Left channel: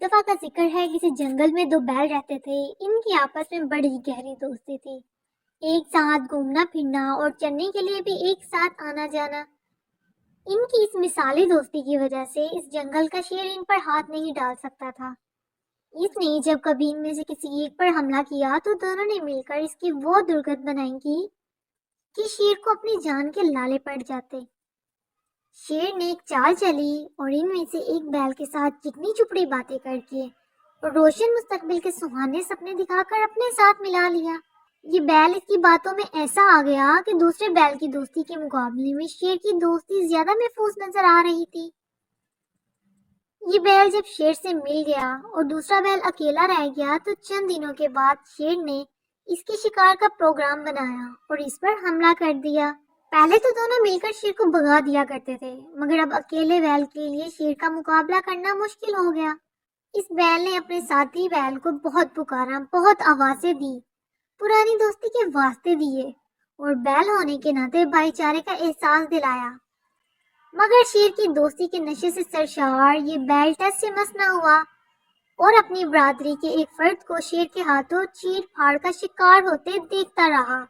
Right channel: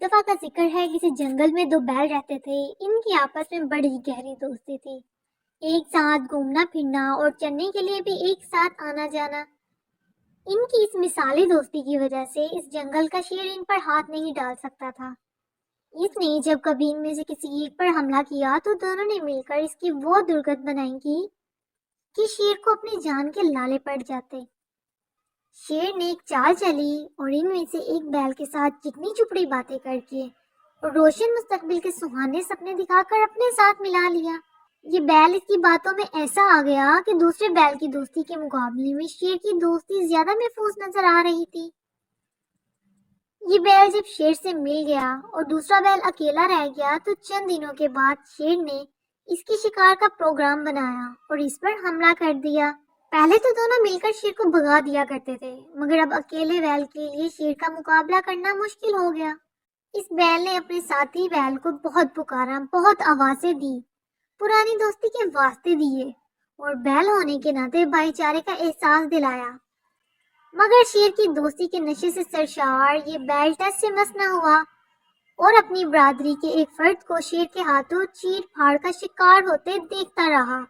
ایک دفعہ کا ذکر ہے، کسی جنگل میں دو بیل رہتے تھے۔ ان کی آپس میں بڑی گہری دوستی تھی، ایک ساتھ گھومنا پھرنا اور چرنے کے لیے بھی ایک ساتھ آنا جانا۔ ان کی اس مثالی دوستی کی وجہ سے اس جنگل کا شیر ان پر ہاتھ نہیں ڈال سکتا تھا۔ اس نے جب کبھی ان میں سے کسی ایک پر حملہ کیا تو دونوں نے مل کر اس کی وہ درگت بنائی کی کہ شیر کو اپنی جان کے لالے پڑ جاتے۔ شیر نے ایک چال چلی اور ان میں سے ایک بیل کے ساتھ چکنی چپڑی باتیں کر کے اور روشن مستقبل کے سہانے سپنے دکھا کر اپنے ساتھ ملا لیا۔ یہ بیل اس کی باتوں میں ایسا آ گیا کہ دوسرے بیل کی دوستی کے مقابلے میں شیر کی دوستی زیادہ محفوظ نظر آ رہی تھی۔ یہ بیل جب شیر سے مل گیا اور دوسرا بیل اکیلا رہ گیا تو چند دنوں کے بعد شیر نے اس کے شکار کا پروگرام بنایا اور اس پر حملہ کر دیا۔ پہلے تو دونوں مل کر شیر کو بھگا دیا کرتے تھے، مگر اب اکیلے بیل کے لیے شیر کا مقابلہ کرنا مشکل ہو گیا۔ اس بیل نے اپنے ساتھی بیل کو بہت پکارا، بہت آوازیں دی، پرانی دوستی کے واسطے دیے اور بیل ہونے کے ناطے بھائی چارے کا احساس دلایا۔ مگر شیر کی دوستی کے نشے سے سرشار یہ بیل ٹس سے مس نہ ہوا اور اپنی برادری کے ایک فرد کو شیر کے ہاتھوں چیر پھاڑ کا شکار ہوتے دیکھتا رہا۔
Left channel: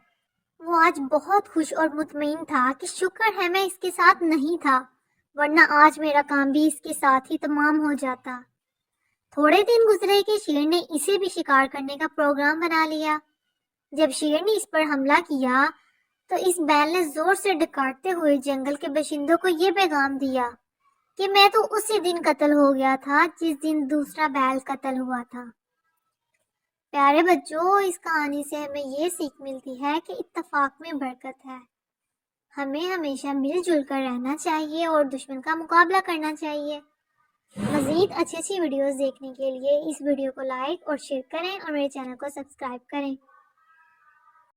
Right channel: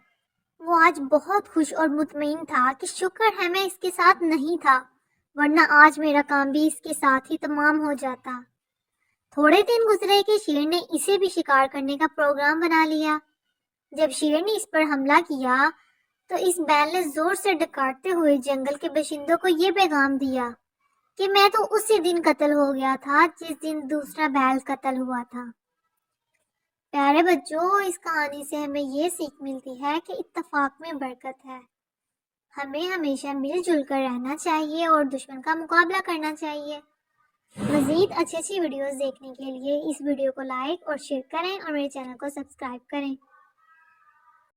وہ آج بہت خوش اور مطمئن تھا کہ شکر ہے میں اس کے ساتھ نہیں تھا، ورنہ آج میرا کام بھی اس کے ساتھ ہی تمام ہو جاتا۔ تھوڑے دن گزرے کہ شیر نے اسے بھی شکار کرنے کا پروگرام بنا لیا۔ جب شیر نے اس پر حملہ کیا تو اس بیل نے زور سے ڈکارتے ہوئے جنگل کے باشندوں کو یہ پیغام دیا کہ میں تو اسی دن قتل ہو گیا تھا جس دن دوسرا بیل قتل ہوا تھا۔ پیارے بچوں، اس کہانی سے ہمیں یہ سیکھ ملتی ہے کہ اتفاق میں برکت ہے۔ ہمیں ہمیشہ مل جل کر رہنا چاہیے اور دشمن کا مقابلہ کرنا چاہیے۔ مزید اچھی ویڈیوز دیکھنے کے لیے اس ویڈیو کو لائک اور شیئر کریں اور میرے چینل کو سبسکرائب کریں۔